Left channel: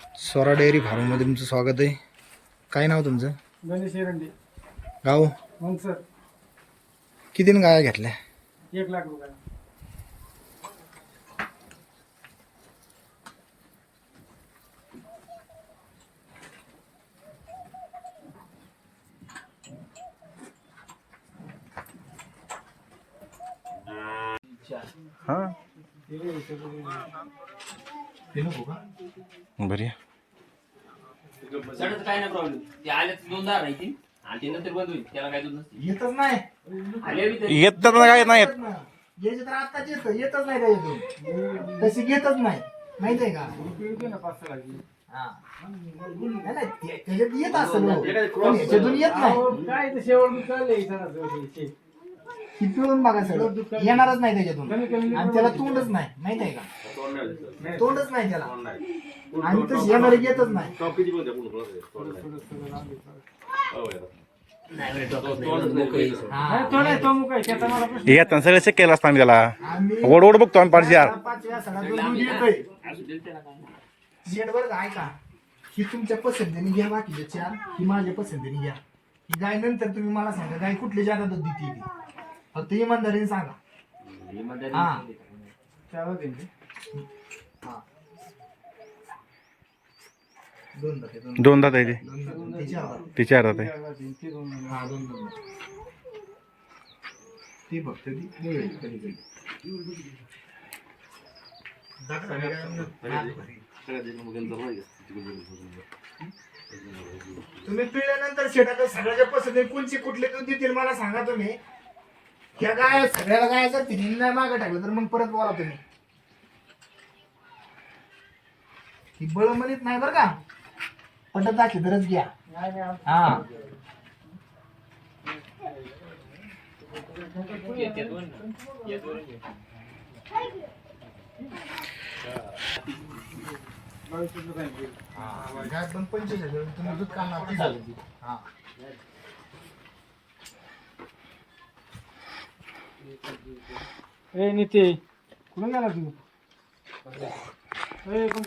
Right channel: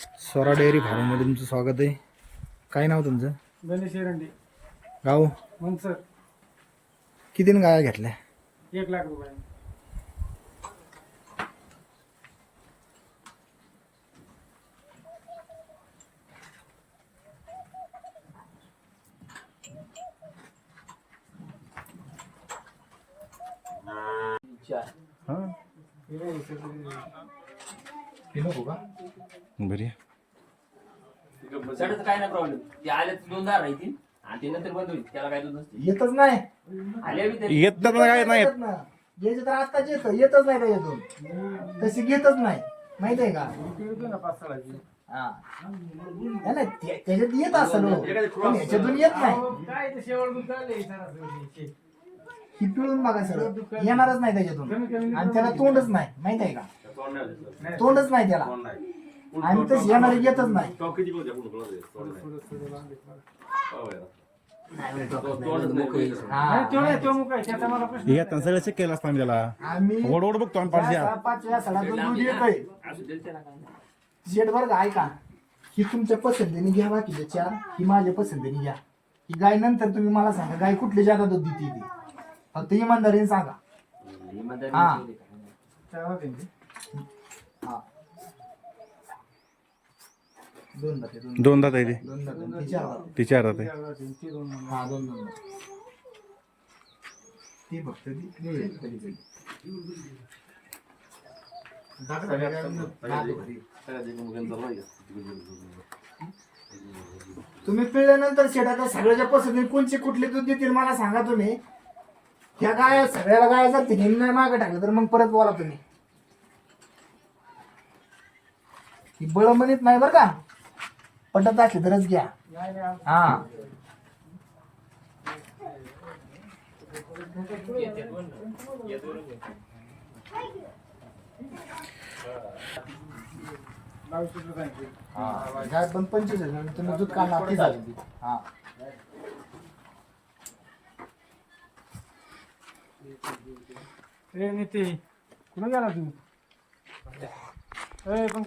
Swara dairy फार्ममध्ये तुमचं स्वागत आहे. काय नाव तुमचं? गणेश एरंडे. गाव? मग सर किती गाया घेतल्या? एक लाख रुपये. हां. बरी काय नाही प्रॉब्लेम ते आले तर दोन दार राहतील आणि ते नंतर बंद होईल. त्याला काय दूध नसते येतच नाही. आले बी तरी. येत तर काय नाही येत. तर आत्ताच येत. येतच नाही त्याच्यातून तशी घेतच नाही. माहिती आहे का? हा. नाही, नाही, त्या- त्याच्यात येत असेल हो. पण याच्यातून येत नाही. काय ते शेवट ही पिळून बघा सर येणारच नाही त्याच्यातून. आणि त्याला तोंडच नाही. माहीत आहे का? तोंडच नाही त्याला. आणि तस येणार येतच नाही. हा. येत सगळं चेक केलं असतं आम्ही त्याला. ओढ ओढ बघतो आम्ही पाच येतंय. गाय का? ही तुमच्या पसंतीने घ्या बाकीचे चार. ही माझ्या पसंतीने घ्या. ही गाय नंतर तुम्ही मला सांगा गाय कुठल्या जागा दूध देते ती? फक्त इमानदारीने सांगा. हा. हा. दोन दाते आहे ते? ती चार दाते. आहे. हा. ती फक्त तुम्ही पिळल्यानंतर शेटाच्या सगळ्याच्या पसंती कोणची कुठले दूध देतील मला सांगा तुम्ही. ह्या गाय सगळ्या गाय जर तिने नाही मागे टाकलं तर मग परत बोला तुम्ही. ती बळ म्हणत नाही बरं का? पटत असली तरच घ्या. हा. दोन पंचवीस आहे, तुम्ही दूध काढणार ती झाली ती. हा. ए निते कुठं गेला तू? ए पण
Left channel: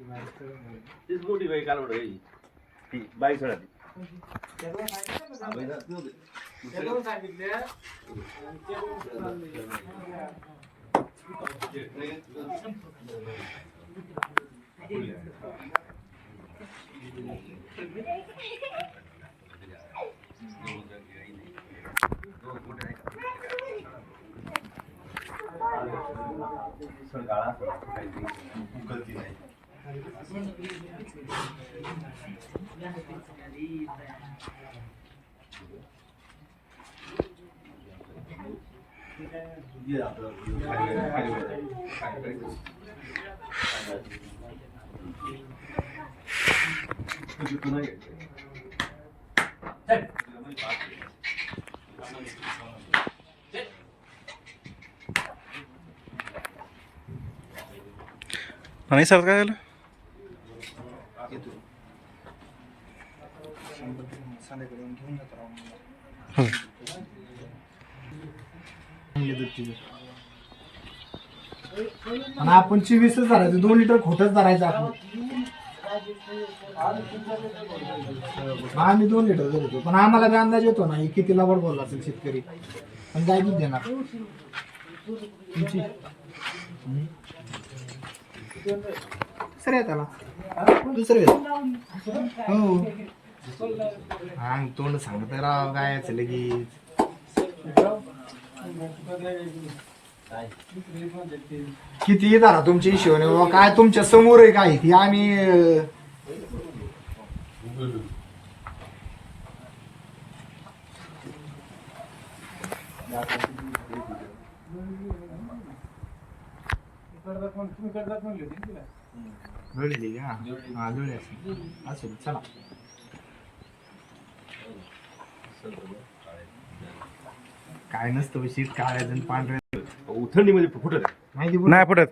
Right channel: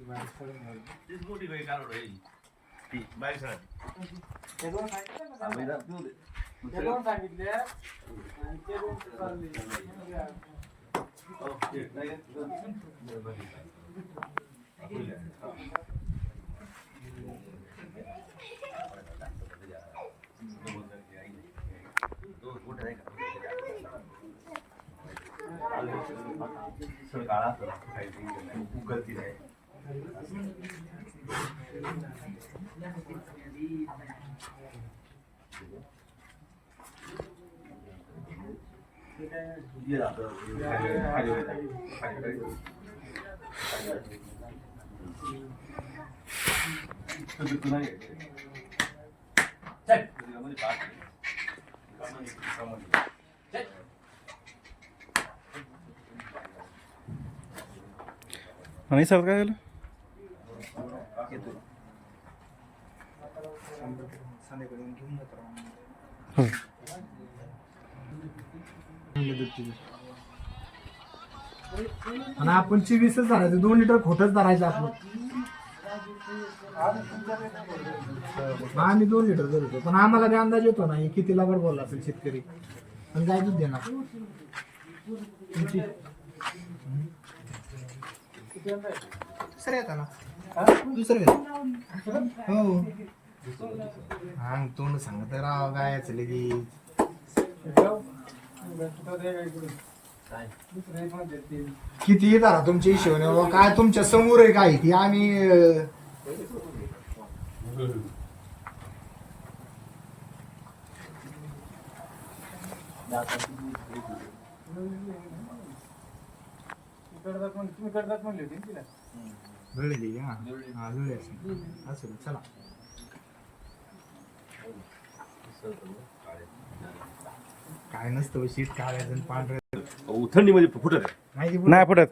तीच मोठी बाई काल घ्यायची ती बाई सोडा आणि सर काय झालं संध्याकाळी येऊन घेऊन जातो राव. हो. दूध तिचे. आणि आपण चोवीसच धरायचं दोन लिटर खोटच धरायचं आपण आम्ही दोन लिटर धरतो पण आम्हाला बी अंदाज येतो ना हे किती लावड बोलला असेल शेतकरी पण काय दूध देणार तुमची हम्म. दुसरं आहे त्याला दुसरं आहे. हो हा तोंड सांगत राव काय लगेच. किती धरा तुमच्या हिशोबाने? बाबा काय तुमच्यासमोर आहे काय ती. आम्ही अं, करतात तुम्ही करतात म्हणले होते ना तिला. जुळलेली का? हा असेल. असेल चला. काय नसतं शीट काळ्या पांढऱ्या थंडीमध्ये फुटत माहिती नाही फुटत.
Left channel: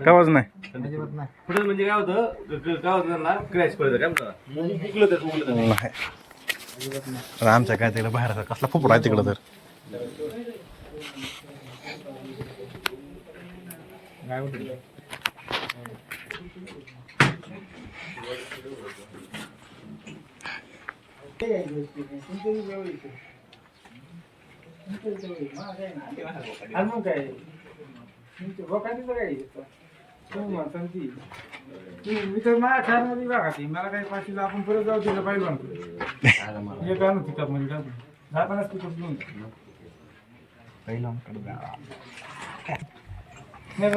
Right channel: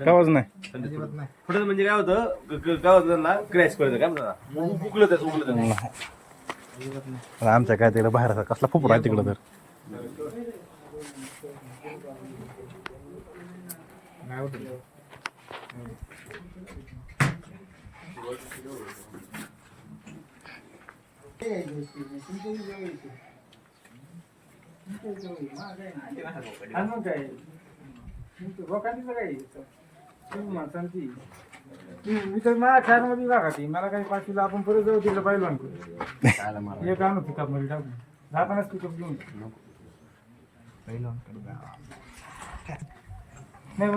कावाच नाही. अजिबात नाही. फुटत म्हणजे काय होतं? क- काय होतं क्रॅश करतं काय म्हणतात? उकलं त्याचं उकलं त्याचं. नाही. आमच्या काय तिकडे बाहेर कसला फुपडा आहे तिकडं तर? काय मग काय तुमचं काय तुम्ही म्हणता ती मी तर माझ्या खारमध्ये बघा ती मला काही पाचशेला आपण परत जाऊ तिला पाहिलं आणतो एक आणू पिकअपमध्ये टाकून पिकअप घेऊन नाही मग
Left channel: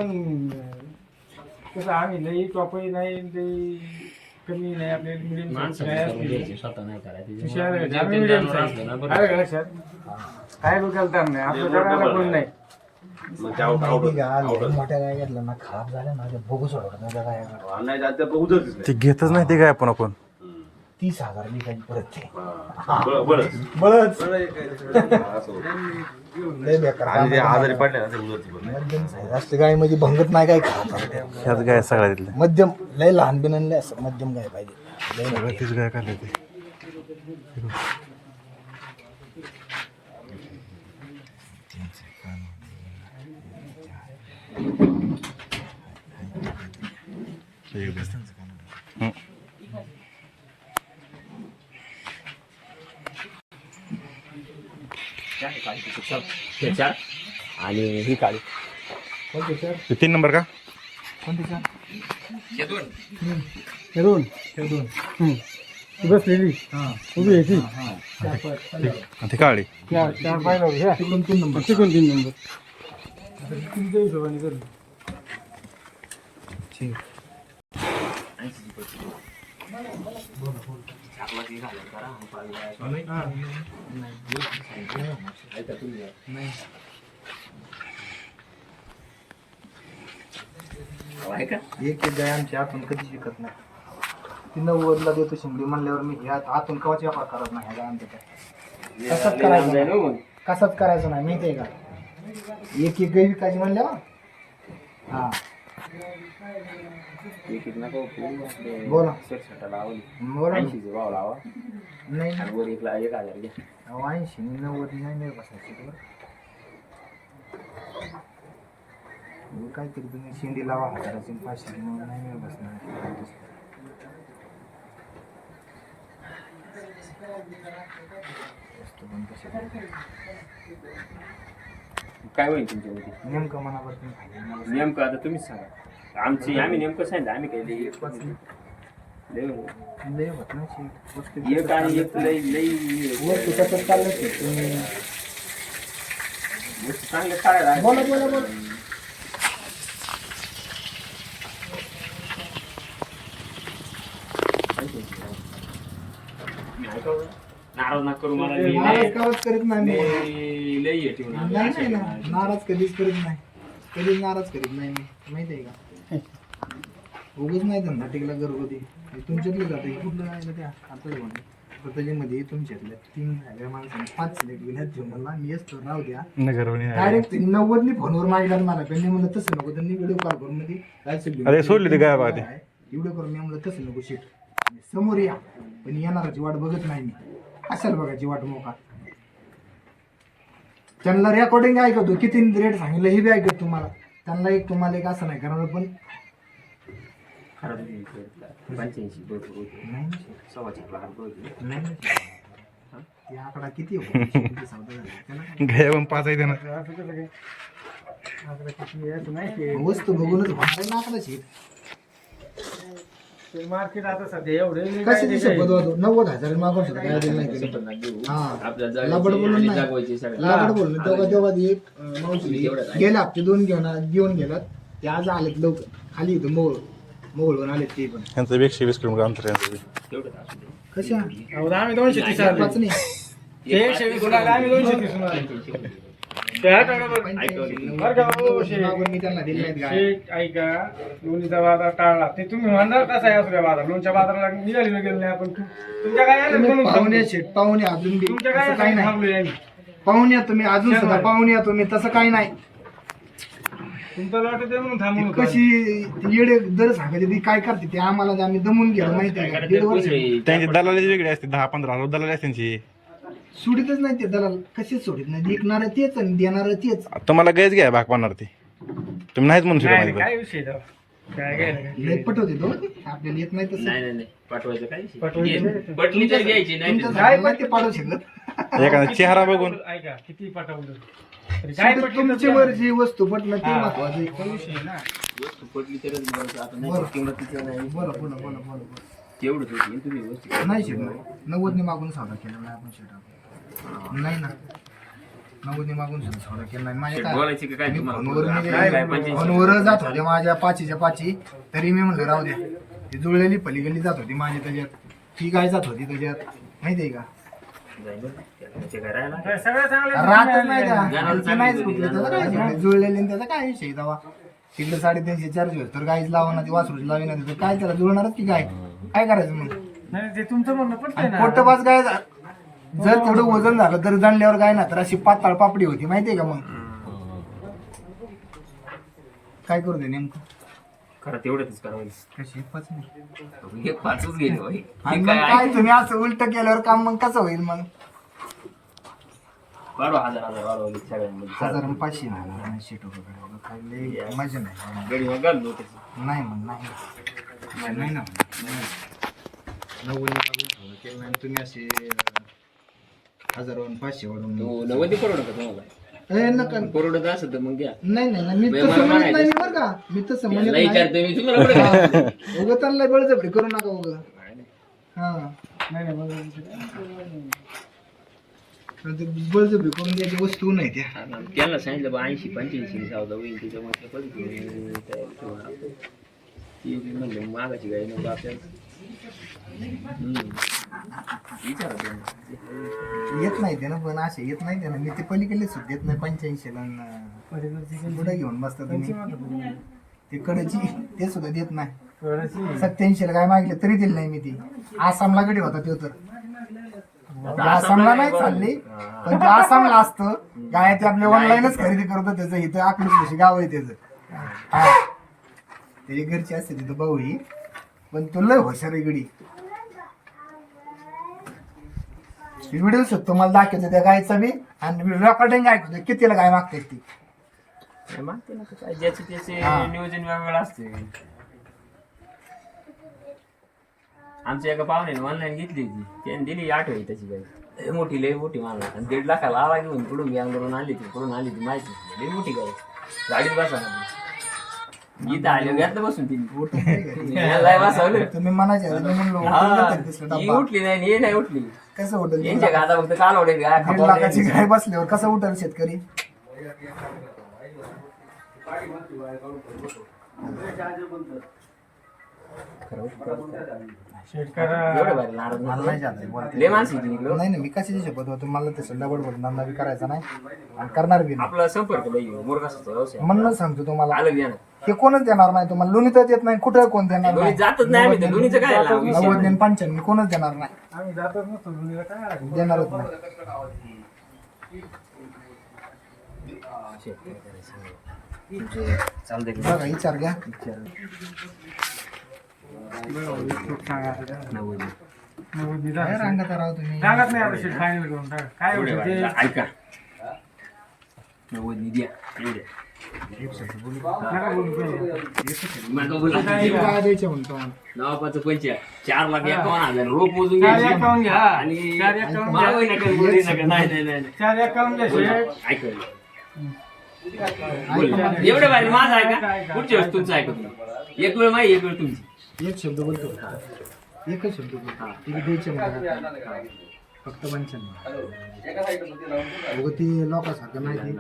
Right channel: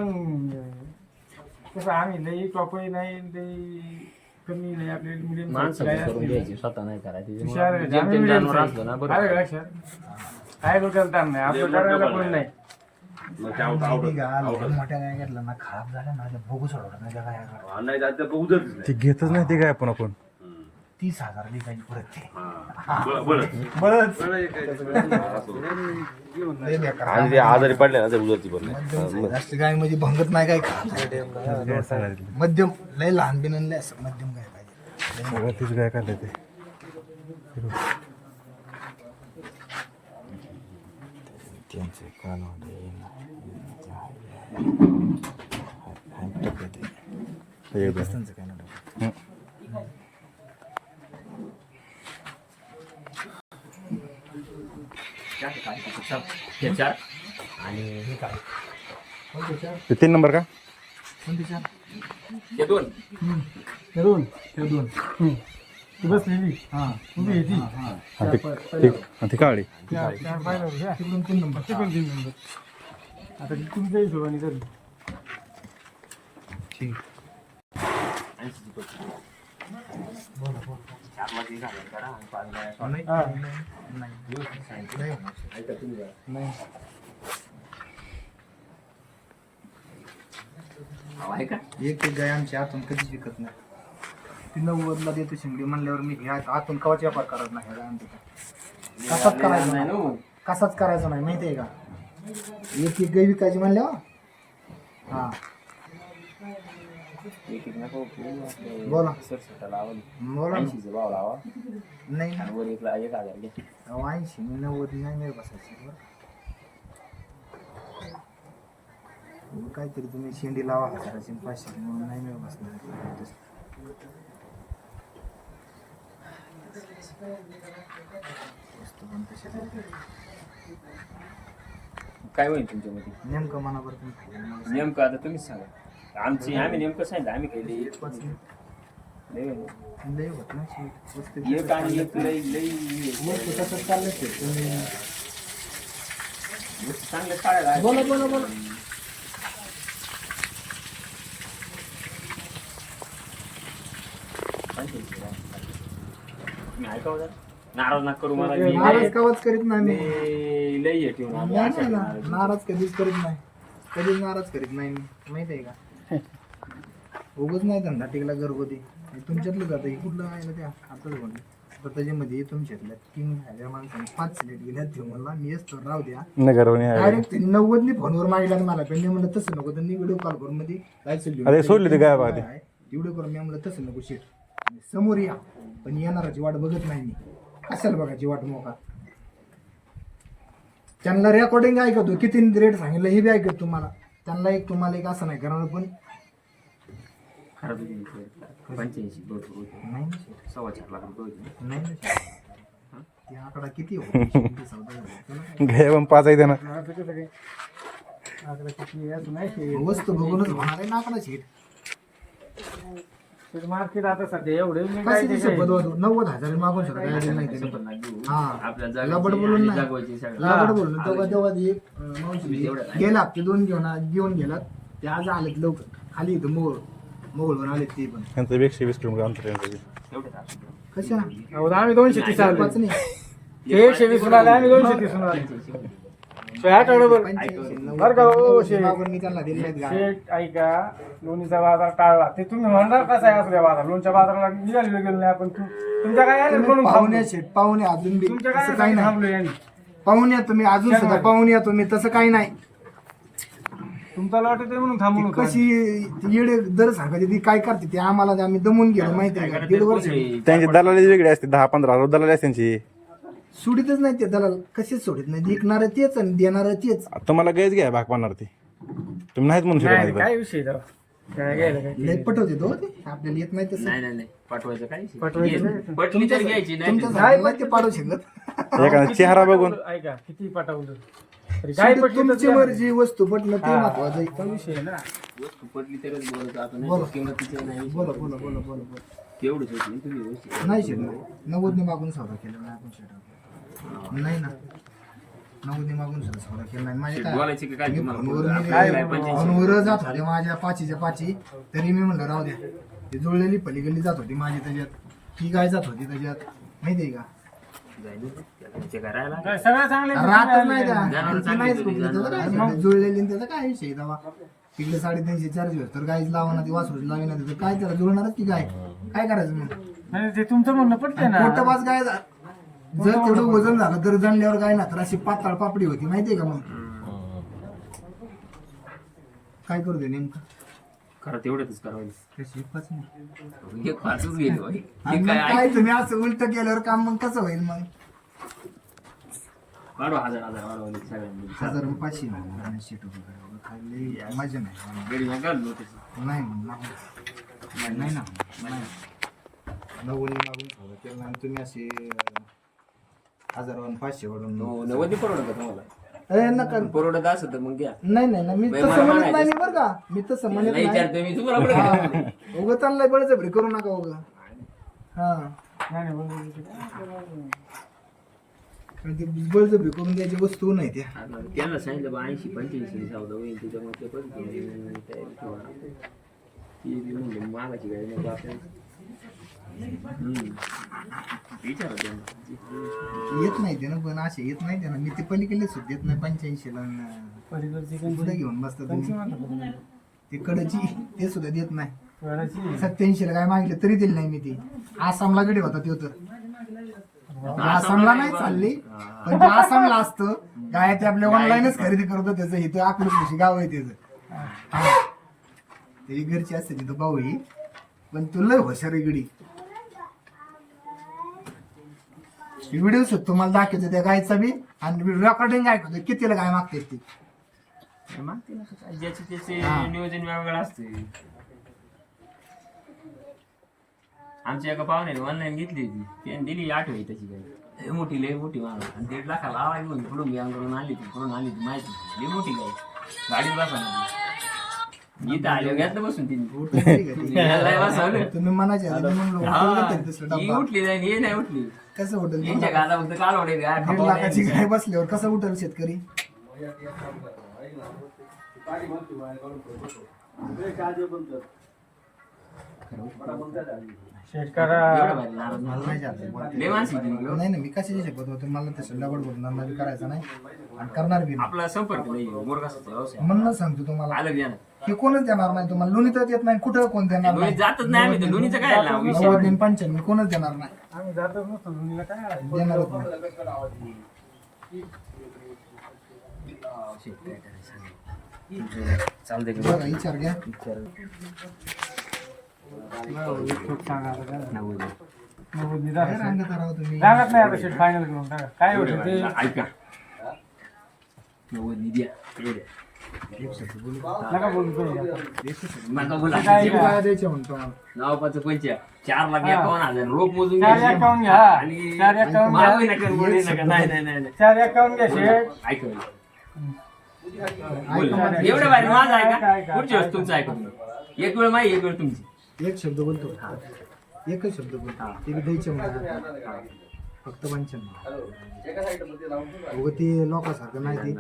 कसं आम्ही लई कॉपी नाही लई कमी नाही आपले मिडियम स्वतः नाही काय डोक्याला ताण नाही आपलं करायला कोण नाही. मग ते out- out- माहिती का out- लय मोठ्या गाय घेतल्या ना खराब झाल्या ना बघू सोडवत नाही त्या गाया नाही जात ते ते घेतच नाही ते काय आपण आपण. तीस हजार लिटाची परत ते हा. बळ- बळच. बळच हा, असं होतं. लय बेकार आणि ते आजारी पडले ना ते उजळती पण. मध्यम size असते गाय म्हणजे भंगत नाही काय खात. ह्याच गाय सगळ्या तिथल्या मध्यम लय लहान बिनले असं मध्यम गाय पाहिजे. लय सगळं तीच गाय काढले ते. त्यांचे कान एक दोन त्यांचं काय नाही. हं. चार आणि ही काळी ते तीन नंबर का? कोणते चार? हे दोन. ते दोन? ते दोन. ती बसलेली हां. उभी आहे ती. हां ती- ती- आणि ती काळी चार चार पाहिलं घ्या तिकडून तीन नंबर. तिकडून तीन नंबर. आता तुमच्या हिशोबाने करू. ठीक. नाही हा. एक एक गाय आमची आतून कधीच विकत नाही ती नव्वदला देतो शिंगडी म्हणल्यावर मी ह्या आतून कवाच व्यापार करत नाही ह्या गायांचा काय कसाच करायचा नाही कसाच करायचा नाही माहिती आहे का एक एक गाय विकायची म्हणल्यावर? हा. बोला बोला ना. भाव लावा नाही ना. वर एक एक हजार घ्या अहो, ऐंशी नव्वद नाही बसायची बरं. मी काहीतरी तुम्ही शेंडी लावा हजाराची आणि पाचशे म्हणून नाही मिळत बसणार वस्तू पण तशीच आहे. काय होईल तुमच्या नेमकं मनावर तुम्ही फायदा नाही. नेमकं आता तुम्हीच सांगा आमची आम्ही नेमकं सांगितलं आम्ही पाच नाही. लई म्हणू. लय होत ना शी. वस्तू एक आणि एक लई लई वस्तू तसंच चाललं ते तुम्ही चांगले काढायला बोला बोला बोला नाराज ना करू मला नाराज कवच करीत नाही मी मी लई. नाही नाही ना नाराज कधीच करीत नाही कधीच नाराज करीत नाही मी माहिती आहे का उगच नाही धंदा टिकला घरगुती. हे तुमच्यातलं जातं हे कुठलं आहे ना त्या आता आता त्याच्यामध्ये तुमच्यातल्या तीन माणसांनी पाच सिलेक्ट गेल्या ते मला मी असतो राहू द्या. नगरवणी आहे. डायरेक्ट नव्वदनी फोनवर मागितला आणि मला. त्यांनी म्हणलं तसं नको. त्यांनी व्हिडिओ कॉल करून मध्ये घेऊन. अरे सोडली ती. व्हिडिओ करून मी म्हणलं तसं नको शेट समोर या. पण येणाराची वाट बघत नाही मी. कशाला बघायची वाट मोका? त्यांना रेकॉर्डिंग ऐकतो. किती रेट सांगितलं हे बी ऐकत तुम्हाला. त्यांना एक तुम्हाला एक असं नाही करणार पण पंच्याऐंशी बरोबर होते. नाही. सव्वा चार लाख रुपये होते. नाही. ते आकडा किती हो? किती झाला. गाय पण पाच आहे त्यानं. कसं वस्तू बघूनच होणार आहे ना आकडा शेट ते मार्केट आता सध्या एवढं काय ती वाटू नव्वद हजार मागून सुद्धा काय दिलं नाही त्यांनी. हा. आपल्या लबड बोलून नाही. जागवायची तेव्हा तेव्हा ती एक अं, मावशी गेला हप्ते दोन घेऊन आ- घेऊन गेलात. ते आज आलेत लवकर. खाली इथं मोळ मोहळून आलेत ते पण. यांचं बी एकशे वीस किलोमीटर अंतर आहे यांचं बी. कशा? आम्ही दोनशे तीस आलो. पाच नाही. ते एकशे वीस आम्ही दोनशे तीस बरं का, हो, शेठ. मागून मी त्यांना दिले नाहीत गाय शेठ ऐका लोणीचा बाजार टाळला. ते तुम्ही म्हणणार कसा आहे असू द्या बाजार? लोणच्या बाजाराला निघालेलो गेलो नाही आपण. तू- तुमच्या काय आलं तुम्ही म्हणून पाहुणे. शेट पाहुणे अजून बी. तुमच्या तसं काय काही नाही. थांबलो आम्ही. पाहुणे या तुम्ही अजून सुद्धा. पाहुणे या तुम्ही तसं काही नाही. तुमचा लॉट म्हणून ती. कशी ती येडे दर सांगायचे ती काय करते ते आम्हाला जे आम्ही दमून गेलो माहिती आहे का? दीड वर्ष त्यांची दलाली वेगळी असते दहा पंधरा हजार दलाली असते त्यांची. सोडितच नाही ते दलाल कशीच सोडित नाही विकणार तेच आणि देणार तेच तुम्हाला गैस घ्या भाग पाडणार ती तुम्ही नाहीच म्हणू शकत नाही, माझी काय विषय आहे तेव्हा? काय घ्यायला काय? लय पटवते तो ते. आपल्याला येत नाही तसं नाही नाही नाही पाठवायचं काय पाठवायचं घे. काय? पटली तर घ्यायची नाही तुमच्या तर- झाडाला ते पाडू शकत एखादा चेहरा बघून ऐका किती पाठवलं तरी काय शेवटी पटलं तुमची तर वस्तू पटलं ते. महत्वाचं आहे. तो विषय आहे ना वस्तू पटली तरच बरं आता नाही बरं. तर किंमतीचं नाही बरं बोला बोला बोला बोला तेवढंच होती आणि तुम्ही व्यवस्थित नाही शेट नाही नव्वदने मागून सौदा केला नाही आपण शेट. नाही ना. नव्वदने मागून सुद्धा सौदा केला नाही. माझ्या काय बोलायची का काय मी तुम्हाला फोनवर आपल्याला मी काय? फोनवर जात होते माझ्या पाचीच्या पाची. तरी मी म्हणलं राहू द्या. ती जुळलेली पलीकडली जात होती माझी त्याच्यात. ती काय जात होती त्याच्यात? माहिती आहे का. त्याचे सगळं चांगलं राहतच नाही त्या. त्यांची नाहीच कुठलं त्याचं काय नाही. जुळलेली त्याचा काय विषय तेव्हा? तिकडे साडेतीनशे चारशे होते. तर गाईच लावा ना ती वासरूच लावी ना तर काय त्याला जुळणारच की काय? काय करायचं मग? नाही ते तुमचं म्हणणं पटतंय ना. पोट पाच गाय जर तेवढं वजन झालं तर जाणल्यावर गाय ना तर अशी पाताळ पापडी होती माहितीये का मग? काय करू दे नेमकं? खरं तेवढंच करावं कशी पाच नाही हे पाचच गेले बाई. आणि हे मग काय काय तुम्ही असं उलट केल्यावर काम मग कसं होईल मग? वाढवा हजार हजार वाढवले सगळ्यांमध्ये. हजार आणि पाचशे नाही ऐंशी रुपयाकडे काय लय मजा नाही. गडी नाही मग नाही. नाही ना नाही. नव्वद मागून ठेवलं. केलं नाही. तुम्ही असे हजार पाचशे वाढून तो नव्वदी परवडत का तुम्हाला? ए, नका. परवडत असं तर मग घ्या. नाही नाही नाही, मी बाई, तसं मला म्हणत नाही. बरं का. मी तसं म्हणत नाही. विचारते मी तुम्हाला कुठे? उगं त्यांना बळजबरी करू नका उगं. हा. नाही नाही बळजबरी करून द्यायची वस्तू नाही त्या. हा ना, त्यांना सांगितलं बा ऐंशी पंच्याऐंशी सावधा होईल त्याच्यामुळे ते कधी तयारी ठेवा आपण. ती बी म्हणले मागाची गाडी नको आपल्याला. हम्म. येत नाही त्यानं पण असे येत नाही त्यानं मी ते पलीकडले सुद्धा येत नाही पंच्याऐंशी ला कुठे घेऊन बसता त्यांची तुम्ही म्हणतं पलीकडची. ते कडची ते सुद्धा देत नाही. सत्याऐंशी ला काय मागितले तरी दिले नाही मी ती. आसामला गडी होता तो तर. म्हणजे आसामला नाही चालली पण ते आसामला असतं गाय ते आपल्या ऑनलाईनच खरेदी करतो त्याचं इथं अकलूज गाव आहे त्याचं. हा. त्याची घरची असते तिथं भाऊ ही पण तो लय हुशार आहे गडी. व्हिडिओ मला दाखवतो त्या गायचा बी. आणि रेकॉर्डिंग ऐकतो कितीला गाय मागते ती. मागते ना काय ज्याचे त्याचे हा. नियोजन वेगवेगळं असते. आमच्या एका पाहुण्याने ऑनलाईन घेतली होती. त्याने दिली आठवणी त्याची गाई लय मोठी लय मोठी मला आणि दीड लाखाला आला घेऊन. पुढून अंगरून आली ती पुढून आली ती माहिती लय मोठी गाई गाडीत बसा आले बसून तिने. लय बसवलं तुम्ही मनाचे म्हणलो हा. उठली नाही हे नाही उठली. कसं हॉटेल यांच्या गादा फक्त काल दीड लाखाची गाय बसल्यावर कसं उठल शेतकरी? शेतकऱ्या एवढं भारी नाराज मला नाही. नाही जात बोलते. लय माणसं आहे तिकडं. नाही नाही मी कशाची शपथ होतो मला तसं डबल बोल नंदा बी करायचा नाही आणि करणार बी नाही आपला संपर्क लई मुरगासाचा व्यवसाय म्हणून सांगतो तुम्हाला आलं हे कोणच देणार नाही तुम्हाला लोणीतच येत नाही कुठं कोण देणार लोणी नाही जातच नाही आम्ही तर लोणीचं काय लावू विषय नव्वद आणि पंच्याण्णव कोणच देणार नाही आम्ही जातच नसतो मुलीला काय आहे? देणारच नाही शेत काय करायचं सांगा. चालतंय की बघा विचार घ्या. नव्वद. रांगत तुम्ही नाही आता शेट फायनल घेऊन टाका काय एवढे ते ऐका नव्वद द्या. नका बोलू नका बोला. द्यायचे म्हणतो चार लाख एकावन्न हजार रोप मोजून चार घ्या. आणि चार मागू नका बोलू नका नाही नाही नाही नाही. चार शेट एवढे माझं ऐका पुढची वेळेस तुमचं ऐका एक वेळ माहिती एक वेळ तुमची एक शब्द बोलतो. एकच शब्द बोलतो. ते बी द्यायचे मला फक्त पंच्याण्णव. ते लोकांसारखं नाही ते.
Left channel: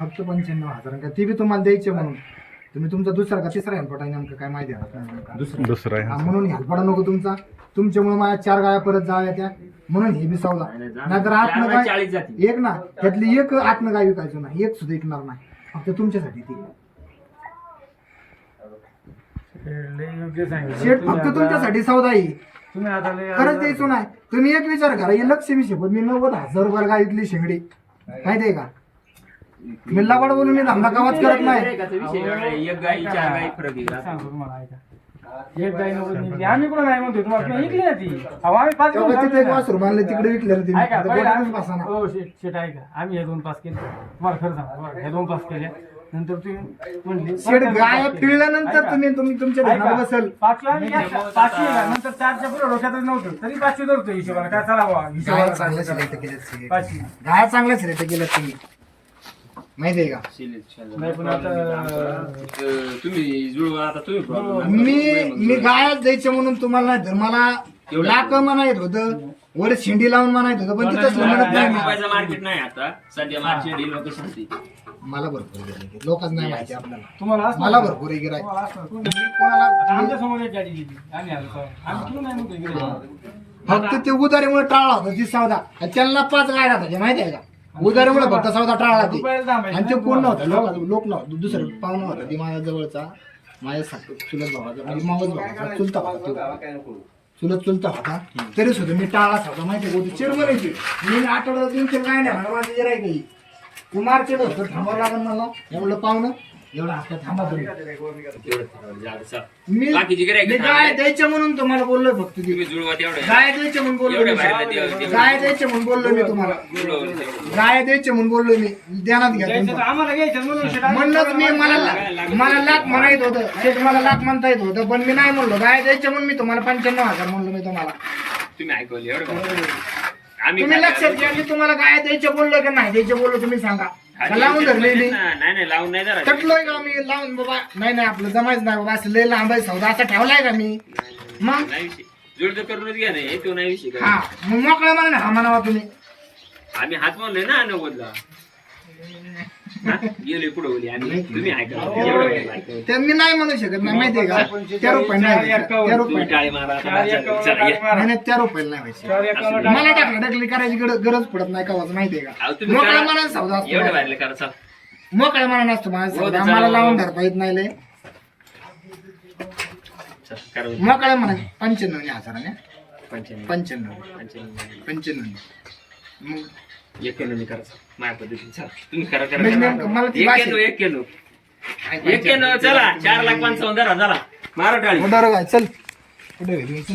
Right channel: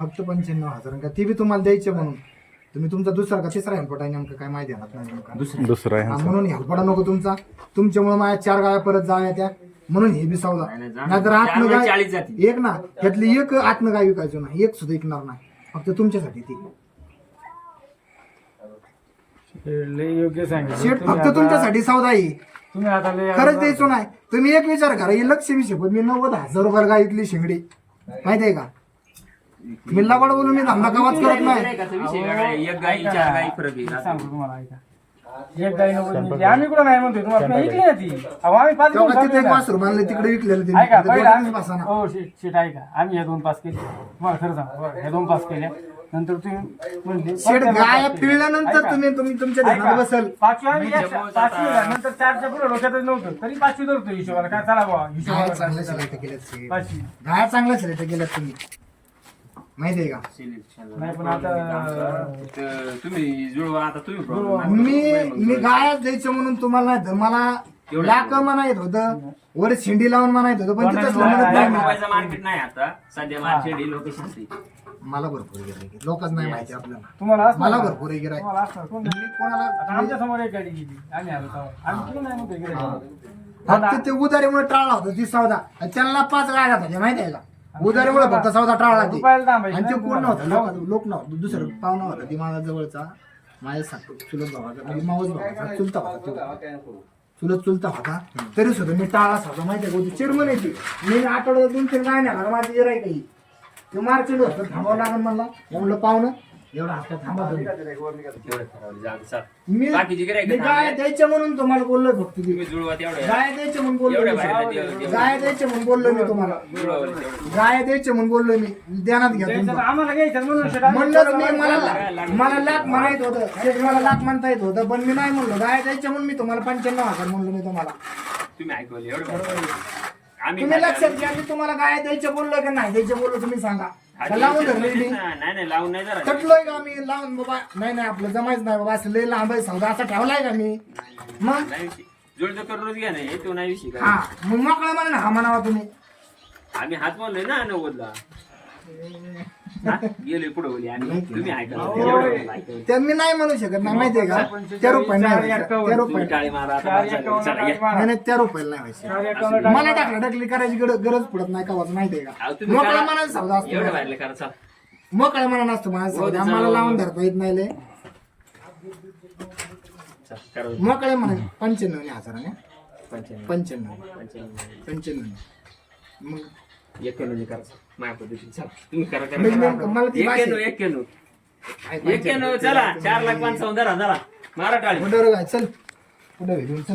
फक्त पंच्याण्णव हजार का ते बी तुम्हाला द्यायचे म्हणून. तुम्ही तुमचा दुसरा का तिसरा हेल्पट आहे नेमकं काय माहिती राहत नाही दुसरा दुसरा हा, आहे म्हणून हेल्पडा नको तुमचा. तुमच्यामुळे माझ्या चार गाया परत जाव्या त्या. म्हणून हे बी सौदा. नाही, नाही, नाहीतर आतनं म्हणजे गाय. एक ना त्यातली एक आतनं गाय विकायचो ना एक सुद्धा विकणार नाही. फक्त तुमच्यासाठी ती. योग्य तुम्ही फक्त तुमच्यासाठी सौदा आहे खरंच द्यायचो नाही. तुम्ही एक विचार करा हे लक्ष विषय पण मी नव्वद हजार रुपयाला गायतली शेंगडी. माहितीये का? मी लबाड बोलून मी धंदा कावाच करत नाही. आहे. एक गाई चार गाई फरक आहे. एक. आम्ही कुठं नाही म्हणतो? तुम्हाला काही विकली ना ती? अहो आम्ही पाच तेव्हा घेऊन तिथे एक टाकली ना. वासरू बांधलं तिकडे विकलेलं ते ऐका आता पहिला गोठ्यातच आम्ही- बसा ना. हो शेट शेट ऐका. आम्ही हे दोन पास केले. तुम्हाला खरं सांगा बरं, हे दोन पास केले. नंतर तुम्ही म्हणले शेड गाय पिळल्यानंतर तुम्ही तुम्ही तुमच्या ध्यानात बसल. पाचवी आम्ही जास्त- पाचवी आहे. नंतर चारच्या पुढे डोक्यातच नव्हतं. तरी पाचवी धरतो हिशोबाला काय चला बाबा गाय हिशोबाला चांगल्या सिलेक्ट केल्यात पाचवी. गाय चांगल्या सिलेक्ट केल्यात तुम्ही. का? नाही पण आता तुम्ही जुळवा आता तुम्ही problem. मी मी गायच द्यायचे म्हणून तुम्हाला नाही तर मला लाक म्हणायत होतं. वर शिंडी लावून म्हणायत होतं पण तिथंच म्हणत नाही. मला. मोबाईलचं मार्केट नाही आता. सध्या मार्केट ही. लोक मला भरपूर आहे. लोकच नाही माहिती आपल्याला. तुम्हाला असणार मला? भरपूर आहे गिराईक. तुम्हाला असणार. कोण- मी कोणाला आता आमच्यासमोर एक गाडी गेली. आम्ही आलो तेव्हा. आम्ही किती नाही म्हणतो इकडे. फक्त ते उदारीमुळे टाळला होता ती सौदा आणि त्यांना पाच गाड्या होत्या माहिती आहे का? उदारीमुळे फक्त सौदा टाळला ते. आणि ते कोण. नव्हतं लोक लोक नव्हतं. दुसरं पाहुणा होता. ती माझ्या जवळचा. माझ्या सा- चुलत भावाचा. म्हणजे मावस भावाचा. चुलता होता तो. चुलत चुलता होता. तरी सुद्धा मी टाळा होता. माहिती आहे चिरमन यायची मी आठवड्यात दोन तीन काय नाही माझी जरा काही तू मार्केट होतं. थांबावं लागेल मला म्हणलं पाहुणं एवढं हप्ता थांबा तुम्ही. मी बाकीची गिऱ्हाईकं मी गाय. द्यायच्या म्हणून तुम्हाला बोललो फक्त ती. तुम्ही जुळवा गाय द्यायचे म्हणून बोललो एवढ्या मी. बाहेर देव- देव- गाय द्यायचे म्हणून बोललो मी तुम्हाला. जुळवलं तेवढं. गाय द्यायचे म्हणून बोललो मी. ध्यानात घ्या तुमचं. आम्हाला घ्यायचं म्हणून शेट आम्ही म्हणलंच मी मला मला लाख म्हणायत होतं. शेठ मला लाख म्हणता येत होतं पण मी नाही म्हणलो. गाय द्यायचे म्हणून मी तुम्हाला पंच्याण्णव हजार म्हणलो मी तुम्हाला. तुम्ही ऐकवले एवढं बरं. आम्ही तुम्ही लक्षात? घ्या मी तुम्हाला गाय द्यायचे बोललो का नाही द्यायचे बोललो तुम्ही सांगा. का लावून धरलेली. नाही नाही लावून नाही जरा तटलोय का मी? लावून बाबा. नाही नाही आपलं जमायच नाही बाबा. असं लय लांब आहे सौदा असा ठेवलाय का मी? मग? नाही विषय करूनच घ्या नाही तो नाही विषय हा काय मग मोकळा ना हा म्हणावा तुम्ही. आम्ही हात म्हणलोय ना नव्वदला. हा? गेलोय पुढे बोली आम्ही तुम्ही ऐका एवढं वेळ ऐकवलं. त्या मी नाही म्हणू शकत नाही माहितीये का त्या रुपये नाही व्हायचं. त्या तुम्ही रुपये टाळे मारा आता चार बस झालं. एकावन्न चला, या. मारा. नाही नाही त्या रुपयाला नाही व्हायचं चार एकावन्न मला टाकलं टाकली करायची गरज गरज पडत नाही का माहितीये अहो, का तुम्ही मोकळ्या करा. मनाने सौदा असतो एवढं माझा. बाहेरलं करा चला मोकळ्या मनाने असतो माझा हो, सौदा चालेल. लावून धरता येत नाही लय चला, करा बरं. मोकळ्या मनाने पंच्याण्णव हजाराने पंच्याण्णव पंच्याण्णव पंच्याण्णव पंच्याण्णव मग एक्क्याण्णव करा चला. माझ्या पद्धतीने चला. तुम्ही करा करा मला ती भाषा- चला. चार लाख पंचावन्न धरा चला मारा टाळी. काय चल. कुठे चल.